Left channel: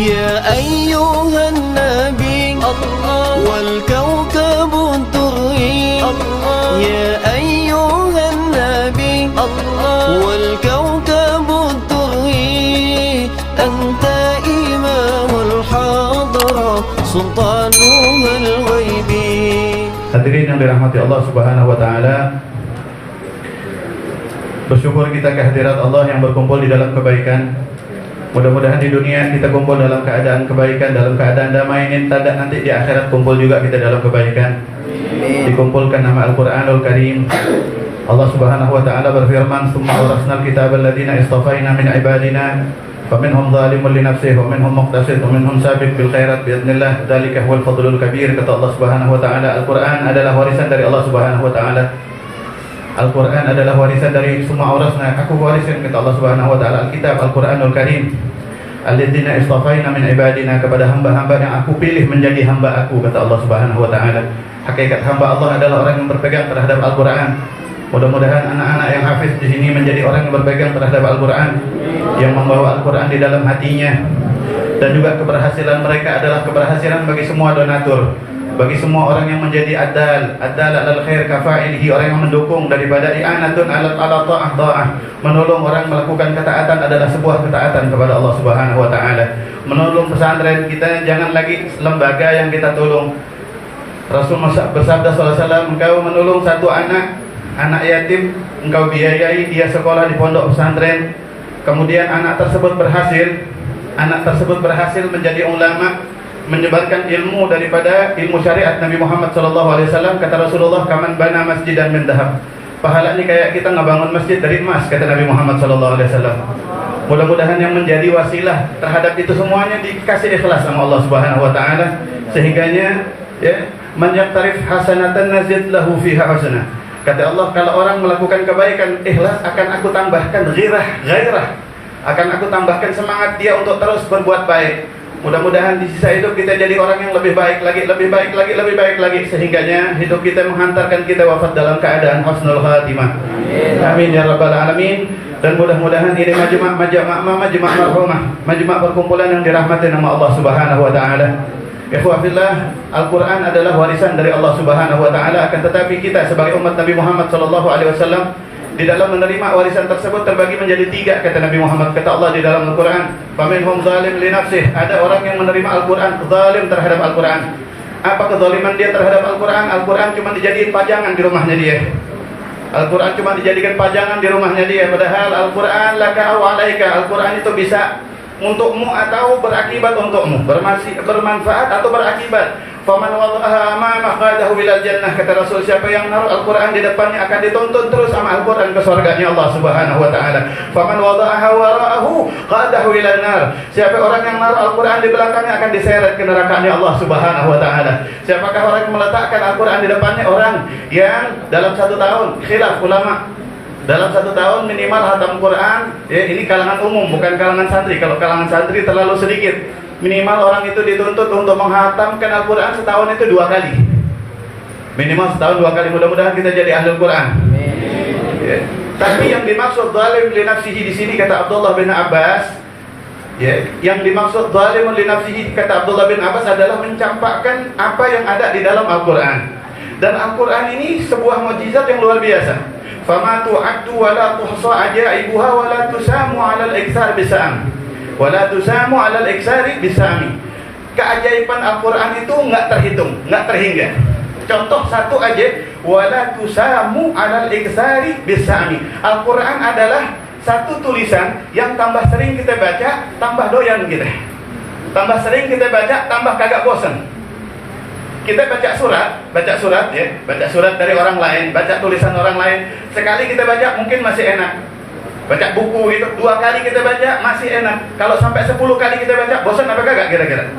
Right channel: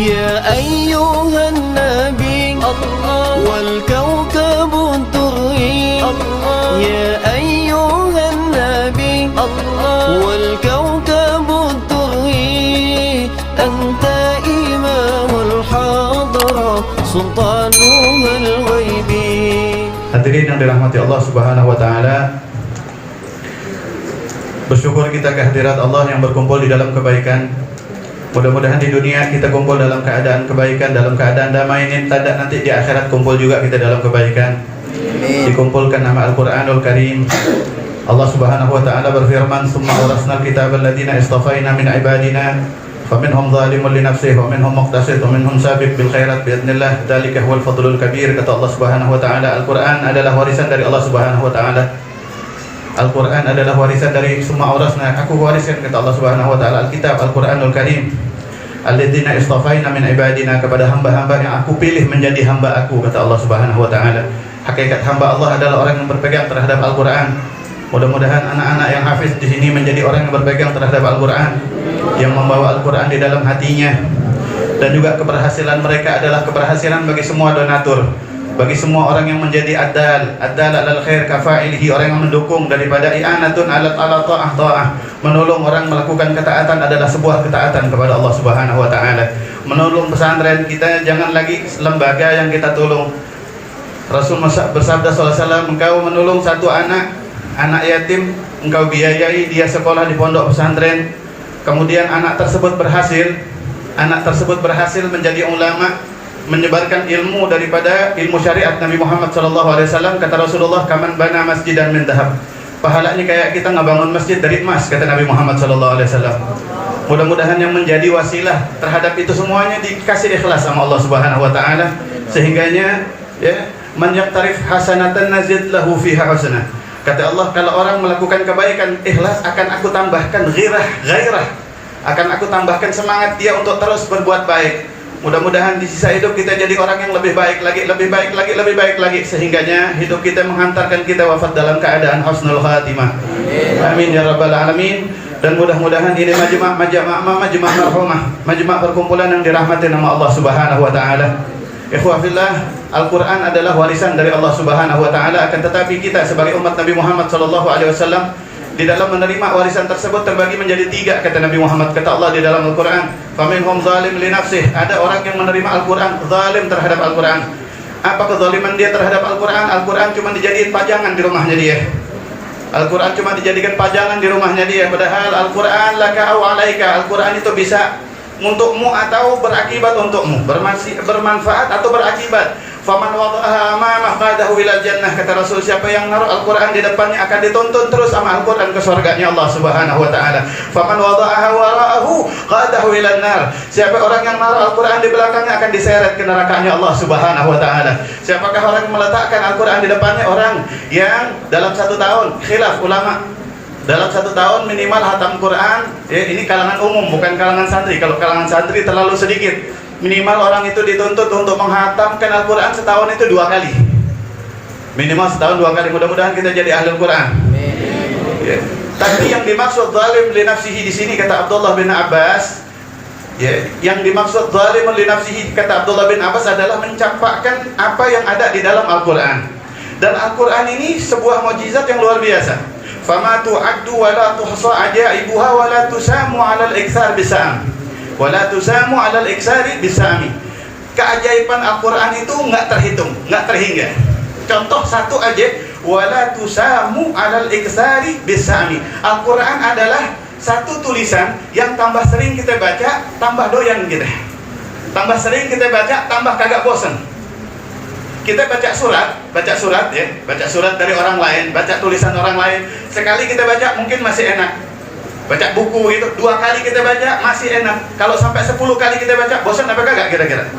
يا أيها النبي الله والكوكب الدري الله يا أيها النبي الله والكوكب الدري أنت إمام الحضرة سلطانها الغيبي. Hadirin yang dirahmati Allah Subhanahu wa taala, bersyukur kita kehadirat Allah yang berkumpul di dalam kebaikan. Mudah-mudahan di dunia kita kumpul dalam keadaan kebaikan, dalam keadaan damai. Nanti di akhirat kumpul juga kita dalam kebaikan. Dikumpulkan nama Al-Qur'anul Karim. Allah Subhanahu wa taala berfirman, "Summa awrasnal kitaba alladziina istafaina min ibadina faminhum zalimun li nafsihi wa minhum muqtasid wa minhum sabiq bil khairat bi idznillah dzalika huwal fadlul kabir." Kata Allah Subhanahu wa taala, Al-Qur'an adalah warisan dari Allah Subhanahu wa taala. Al-Quran adalah warisan dari semua awrasna. Aku wariskan, kata Allah Subhanahu wa taala, Al-Kitab Al-Quranul Karim. Alladzina istafaina min ibadina, kepada hamba-hamba yang aku pilih menjadi hamba aku, kata Allah Subhanahu wa taala. Hakikat hamba Allah adalah orang yang berpegang terhadap Al-Quran. Mudah-mudahan anak-anak yang hafiz di sini menjadi orang yang berpegang terhadap Al-Quran, yang membawa Al-Quran di dalam hatinya. Dan juga keberhasilan mereka adalah keberhasilan bagi semua donatur, bagi semua orang yang menjadi adal alal khair kafa'ilihi, orang yang mendukung daripada i'anatun ala ta'ah, menolong orang melakukan ketaatan adalah sebuah ketaatan kepada Allah Subhanahu wa taala. Menolong pesantren kita, jangan lagi lembaga yang kita tolong. Rasul bersabda sallallahu alaihi wasallam, engkau menolong satu anak yatim, engkau biayai dia sekolah di pondok pesantren, kemudian anak tersebut berhasil menjadi ulama, menyebarkan ilmu daripada ilmu syariat Nabi Muhammad SAW. Kata Rasulullah, kaman bana masjidan min dhahab, pahalanya kayak kita ngebangun masjid dari emas, kata Nabi Muhammad SAW. Mudah-mudahan yang menjadi wasilah terhadap itu semuanya dikasih ikhlas sama Allah Subhanahu wa taala, sehingganya ya, man yaqtarif hasanatan nazid lahu fiha hasanah. Kata Allah, kalau orang melakukan kebaikan ikhlas, akan aku tambahkan ghairah, akan aku tambahkan semangat dia untuk terus berbuat baik. Mudah-mudahan di sisa hidup kita jadi orang yang lebih baik lagi, sehingganya hidup kita menghantarkan kita wafat dalam keadaan husnul khatimah. Amin ya rabbal alamin. Dan mudah-mudahan ini majma' marhumah, majma' perkumpulan yang dirahmati nama Allah Subhanahu wa taala. Ikhwah fillah, Al-Qur'an adalah warisan dari Allah Subhanahu wa taala, akan tetapi kita sebagai umat Nabi Muhammad sallallahu alaihi wasallam di dalam menerima warisan tersebut terbagi menjadi 3, kata Nabi Muhammad. Kata Allah di dalam Al-Quran, faminhum zalim li nafsih, ada orang yang menerima Al-Quran zalim terhadap Al-Quran. Apa kezaliman dia terhadap Al-Quran? Al-Quran cuma dijadikan pajangan di rumahnya dia. Al-Quran cuma dijadikan pajangan di rumahnya dia, padahal Al-Quran laka au alaika, Al-Quran itu bisa untukmu atau berakibat untukmu, bermanfaat atau berakibat. Faman wada'aha amamah qadahu ilal jannah, kata Rasul, siapa yang naruh Al-Quran di depannya akan dituntun terus sama Al-Quran ke surganya Allah Subhanahu wa taala. Faman wada'aha wara'ahu qadahu ilal nar, siapa orang yang naruh Al-Quran di belakangnya akan diseret ke nerakanya Allah Subhanahu wa taala. Siapakah orang yang meletakkan Al-Quran di depannya? Orang yang dalam 1 tahun, khilaf ulama, dalam 1 tahun minimal hatam Quran, ya, ini kalangan umum bukan kalangan santri. Kalau kalangan santri terlalu sedikit. Minimal orang itu dituntut untuk menghatamkan Al-Quran setahun itu 2 kali. Minimal setahun 2 kali. Mudah-mudahan kita jadi ahli Al-Quran. Ya. Tapi yang dimaksud zalim li nafsihi di sini, kata Abdullah bin Abbas, ya, yang dimaksud zalim li nafsihi kata Abdullah bin Abbas adalah mencampakkan apa yang ada di dalam Al-Quran. Dan Al-Quran ini sebuah mukjizat yang luar biasa. Fama tu'addu wa la tuhsa ajaibuha wa la tusamu 'alal iktsar bisam. Wala tusamu 'alal iksari bisami. Keajaiban Al-Quran itu enggak terhitung, enggak terhingga. Contoh satu aja, wala tusamu 'alal iksari bisami. Al-Quran adalah satu tulisan yang tambah sering kita baca, tambah doyan kita. Tambah sering kita baca, tambah kagak bosan. Kita baca surat ya, baca surat dari orang lain, baca tulisan orang lain. Sekali kita baca mungkin masih enak. Baca buku itu 2 kali kita baca masih enak. Kalau sampai 10 kali kita baca, bosan apa kagak kira-kira?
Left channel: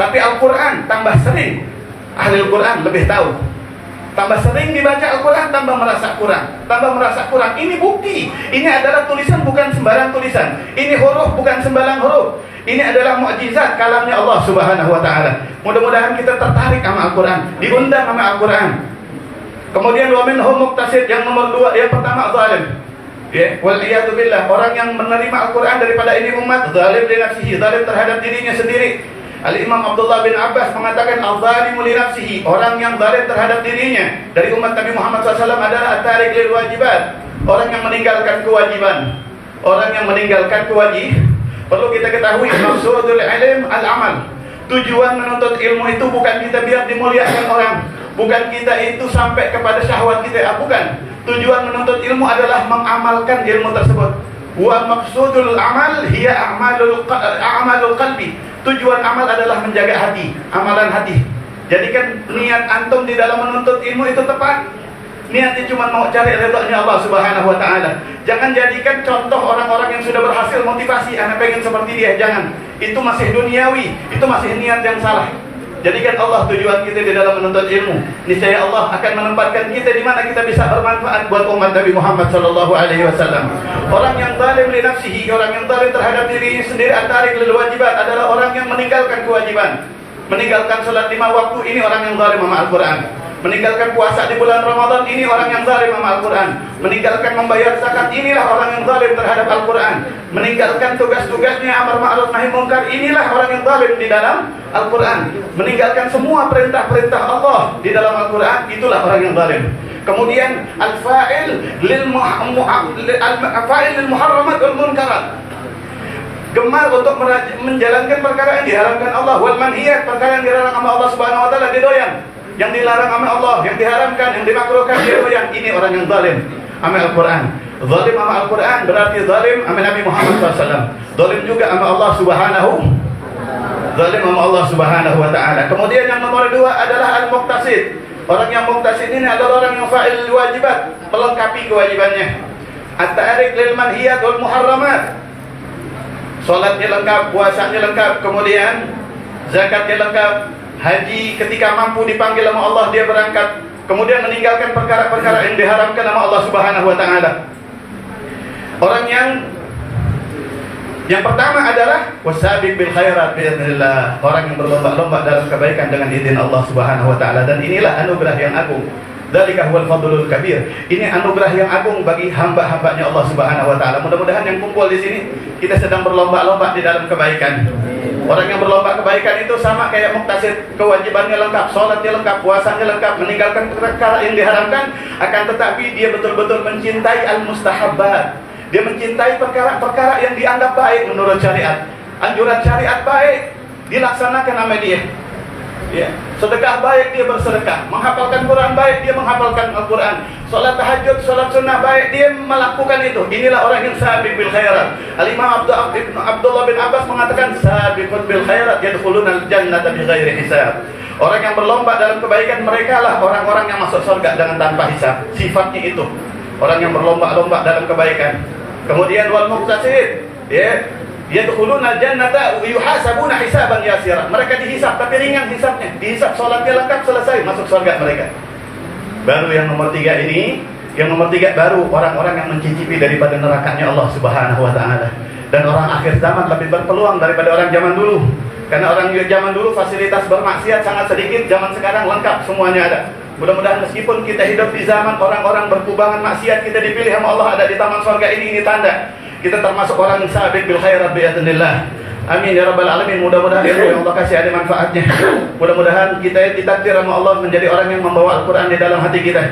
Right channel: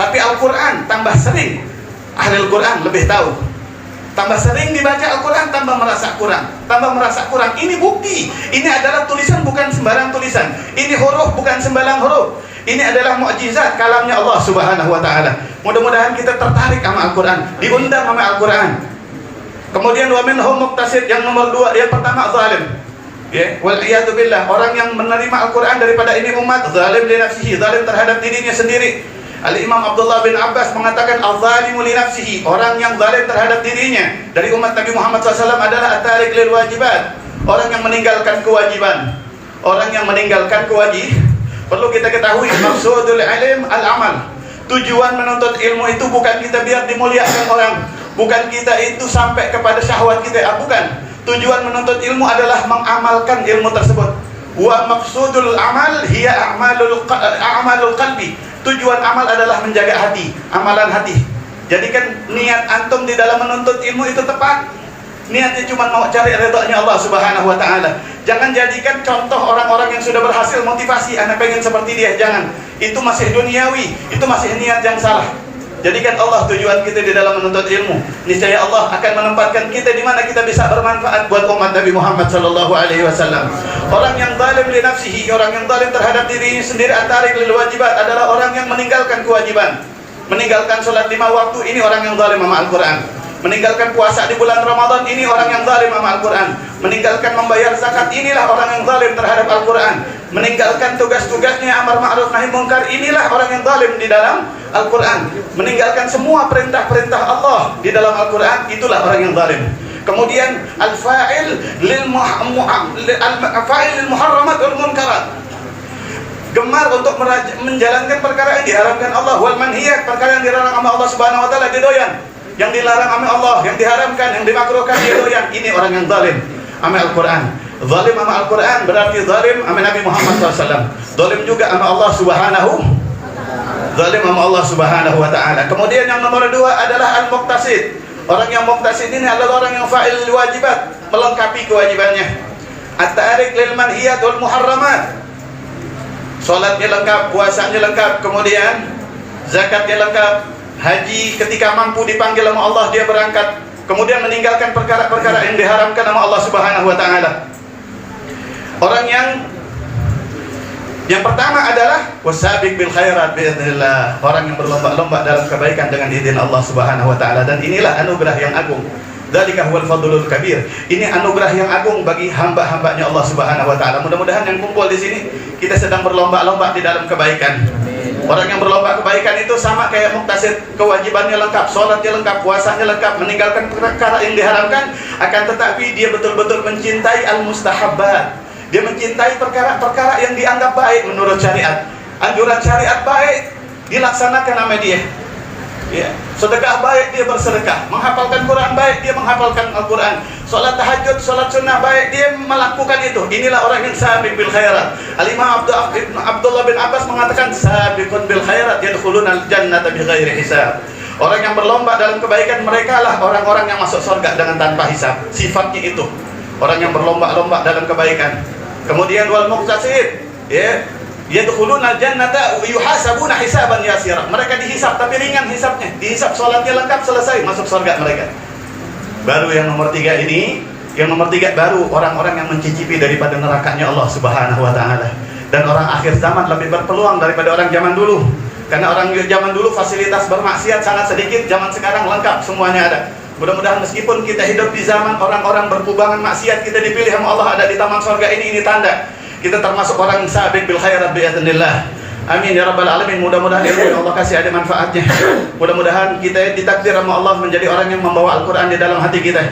Tapi Al-Quran tambah sering, ahli Al-Quran lebih tahu. Tambah sering dibaca Al-Quran, tambah merasa kurang. Ini bukti. Ini adalah tulisan bukan sembarang tulisan. Ini huruf bukan sembarang huruf. Ini adalah mukjizat kalamnya Allah Subhanahu wa taala. Mudah-mudahan kita tertarik sama Al-Quran, diundang sama Al-Quran. Kemudian wa minhum muqtasid, yang nomor 2, yang pertama zalim. Ya, wal'iyadu billah, orang yang menerima Al-Quran daripada ini umat, zalim li nafsihi, zalim terhadap dirinya sendiri. Al-Imam Abdullah bin Abbas mengatakan al-zalimu li nafsihi, orang yang zalim terhadap dirinya dari umat Nabi Muhammad SAW adalah at-tarik lil wajibat, orang yang meninggalkan kewajiban. Orang yang meninggalkan kewajiban. Perlu kita ketahui, maksudul ilm al-amal. Tujuan menuntut ilmu itu bukan kita biar dimuliakan orang, bukan kita itu sampai kepada syahwat kita, bukan. Tujuan menuntut ilmu adalah mengamalkan ilmu tersebut. Wa maqsudul amal hiya a'malul qalbi. Tujuan amal adalah menjaga hati, amalan hati. Jadikan niat antum di dalam menuntut ilmu itu tepat. Niatnya cuma mau cari ridhonya Allah Subhanahu wa taala. Jangan jadikan contoh orang-orang yang sudah berhasil motivasi, anak pengen seperti dia, jangan. Itu masih duniawi, itu masih niat yang salah. Jadikan Allah tujuan kita di dalam menuntut ilmu. Niscaya Allah akan menempatkan kita di mana kita bisa bermanfaat buat umat Nabi Muhammad sallallahu alaihi wasallam. Orang yang zalim li nafsihi, orang yang zalim terhadap dirinya sendiri, atarik lil wajibat, adalah orang yang meninggalkan kewajiban. Meninggalkan salat 5 waktu, ini orang yang zalim sama Al-Qur'an. Meninggalkan puasa di bulan Ramadan, ini orang yang zalim sama Al-Quran. Meninggalkan membayar zakat, inilah orang yang zalim terhadap Al-Quran. Meninggalkan tugas-tugasnya amar ma'ruf nahi munkar, inilah orang yang zalim di dalam Al-Quran. Meninggalkan semua perintah-perintah Allah di dalam Al-Quran, itulah orang yang zalim. Kemudian al-fa'il lil muharramat wal munkarat, gemar untuk menjalankan perkara yang diharamkan Allah, wal manhiyat, perkara yang dilarang sama Allah Subhanahu wa taala, didoyan. Yang dilarang sama Allah, yang diharamkan, yang dimakruhkan, dia doyan. Ini orang yang zalim sama Al-Quran. Zalim sama Al-Quran berarti zalim sama Nabi Muhammad SAW. Zalim juga sama Allah Subhanahu. Zalim sama Allah Subhanahu wa taala. Kemudian yang nomor 2 adalah al-muqtasid. Orang yang muqtasid ini adalah orang yang fa'il wajibat, melengkapi kewajibannya. At-tarik lil manhiyat wal muharramat. Salatnya lengkap, puasanya lengkap, kemudian zakatnya lengkap. Haji ketika mampu dipanggil sama Allah dia berangkat, kemudian meninggalkan perkara-perkara yang diharamkan sama Allah Subhanahu wa taala. Orang yang pertama adalah wasabiq bil khairat biidznillah, orang yang berlomba-lomba dalam kebaikan dengan izin Allah Subhanahu wa taala, dan inilah anugerah yang agung. Dzalika huwal fadlul kabir. Ini anugerah yang agung bagi hamba-hambanya Allah Subhanahu wa taala. Mudah-mudahan yang kumpul di sini kita sedang berlomba-lomba di dalam kebaikan. Orang yang berlomba kebaikan itu sama kayak muktasid, kewajibannya lengkap, sholatnya lengkap, puasanya lengkap, meninggalkan perkara yang diharamkan, akan tetapi dia betul-betul mencintai al-mustahabbat. Dia mencintai perkara-perkara yang dianggap baik menurut syariat. Anjuran syariat baik dilaksanakan sama dia. Ya, sedekah baik dia bersedekah, menghafalkan Quran baik dia menghafalkan Al-Quran, sholat tahajud, sholat sunnah baik dia melakukan itu. Inilah orang yang sabiq bil khairat. Al-Imam Abdullah bin Abbas mengatakan sabiqun bil khairat yadkhuluna al-jannata bighairi hisab. Orang yang berlomba dalam kebaikan, mereka lah orang-orang yang masuk surga dengan tanpa hisab. Sifatnya itu orang yang berlomba-lomba dalam kebaikan. Kemudian wal muqtasid, ya, yadkhuluna al-jannata yuhasabuna hisaban yasira. Mereka dihisab tapi ringan hisabnya. Dihisab salatnya lengkap, selesai, masuk surga mereka. Baru yang nomor 3 ini, yang nomor 3 baru orang-orang yang mencicipi daripada nerakanya Allah Subhanahu wa taala. Dan orang akhir zaman lebih berpeluang daripada orang zaman dulu. Karena orang zaman dulu fasilitas bermaksiat sangat sedikit, zaman sekarang lengkap, semuanya ada. Mudah-mudahan meskipun kita hidup di zaman orang-orang berkubangan maksiat, kita dipilih sama Allah ada di taman surga ini tanda kita termasuk orang sabiq bil khairat biidznillah. Amin ya rabbal alamin. Mudah-mudahan ilmu Allah kasih ada manfaatnya. Mudah-mudahan kita ditakdir sama Allah menjadi orang yang membawa Al-Quran di dalam hati kita.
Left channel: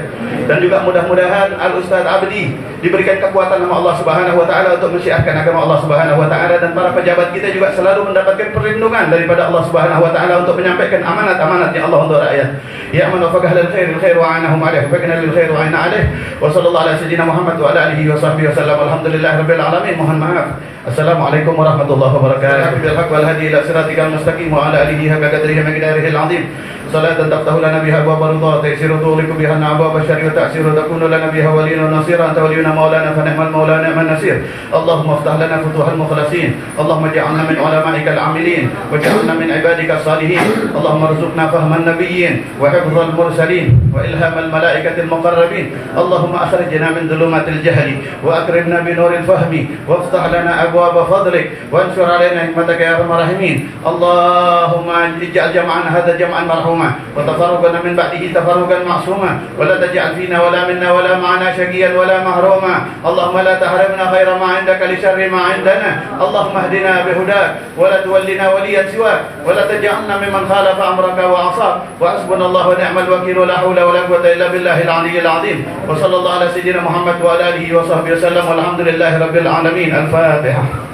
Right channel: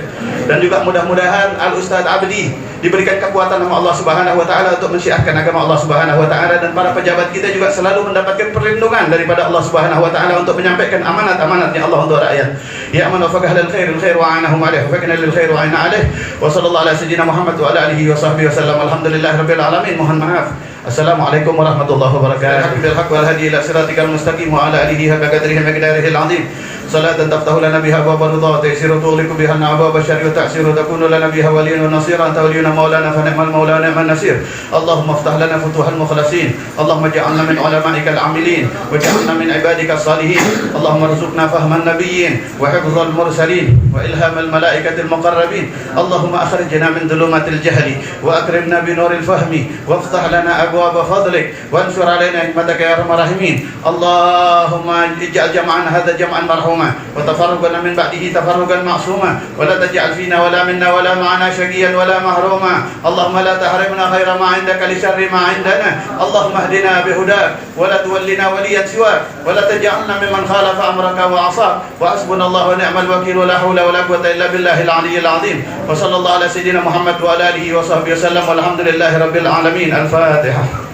Dan juga mudah-mudahan Al-Ustaz Abdi diberikan kekuatan sama Allah Subhanahu wa taala untuk mensyiarkan agama Allah Subhanahu wa taala, dan para pejabat kita juga selalu mendapatkan perlindungan daripada Allah Subhanahu wa taala untuk menyampaikan amanat-amanatnya Allah untuk rakyat. Ya man wafaqah lil khair wa anahum alaih wa faqina lil khair wa ana alaih. Wa sallallahu ala sayyidina Muhammad wa ala alihi wa sahbihi wasallam. Alhamdulillahirabbil alamin. Mohon maaf. Assalamualaikum warahmatullahi wabarakatuh. Bil haqq wal hadi ila siratikal mustaqim wa ala alihi haqqa qadrihi wa miqdarihil azim. Salatan taftahu lana biha abwaaba ridha, ta'siru tuliku biha abwaaba syarri, ta'siru takunu lana biha waliyyan wa nasira, anta waliyuna maulana fa ni'mal maula ni'man nasir. Allahumma iftah lana futuhal mukhlasin. Allahumma ij'alna min ulama'ikal 'amilin waj'alna min ibadikas salihin. Allahumma arzuqna fahman nabiyyin wa hifdzal mursalin wa ilhamal malaikatil muqarrabin. Allahumma akhrijna min dhulumatil jahli wa akrimna bi nuril fahmi waftah lana abwaaba fadlik wa ansur 'alaina hikmataka ya arhamar rahimin. Allahumma ij'al jam'ana hadha jam'an marhuman مرحوما وتفرقنا من بعده تفرقا معصوما ولا تجعل فينا ولا منا ولا معنا شقيا ولا محروما اللهم لا تحرمنا خير ما عندك لشر ما عندنا اللهم اهدنا بهداك ولا تولنا وليا سواك ولا تجعلنا ممن خالف أمرك وعصاك وحسبنا الله ونعم الوكيل ولا حول ولا قوة إلا بالله العلي العظيم وصلى الله على سيدنا محمد وعلى آله وصحبه وسلم والحمد لله رب العالمين. الفاتحة.